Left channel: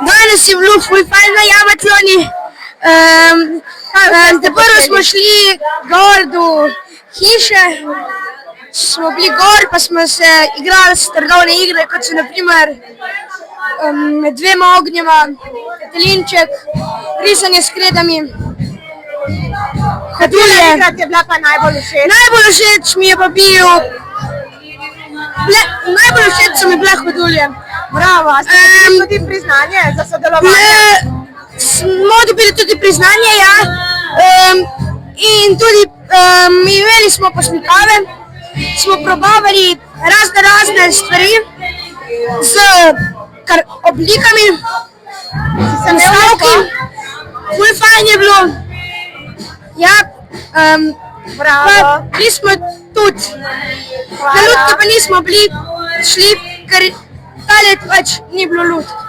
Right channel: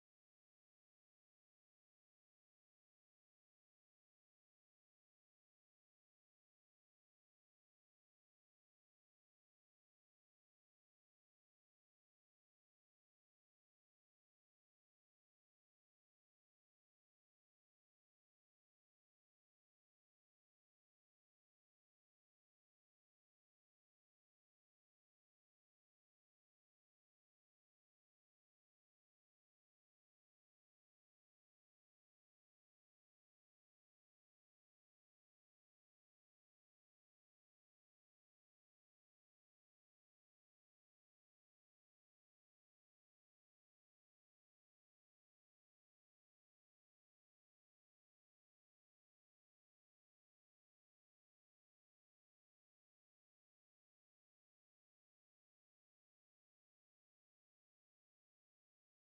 Danes je bilo ful fajn na Jamatloni. Prvo smo šli gor do hiše, smo bili gor, pa smo se igrali strdovne igre, kot so naprimer med dvema ognjema, petelinček, risanje s kredami. Katera igra ti je bila pa najbolj všeč? Najbolj všeč mi je pa bil, najbolj všeč so mi bile hodulje. Bravo, a ste dobili tudi priznanje za sodelovanje? Smo dobili tudi priznanje, ja. In tudi imeli smo poslikave, smo probavali razne stvari z oblikami, nastavki. Ful fajn je bilo. Ja, Bravo. bili smo tudi. Na lutki pa nismo bili šli, ker ta let pač ni bilo lutk.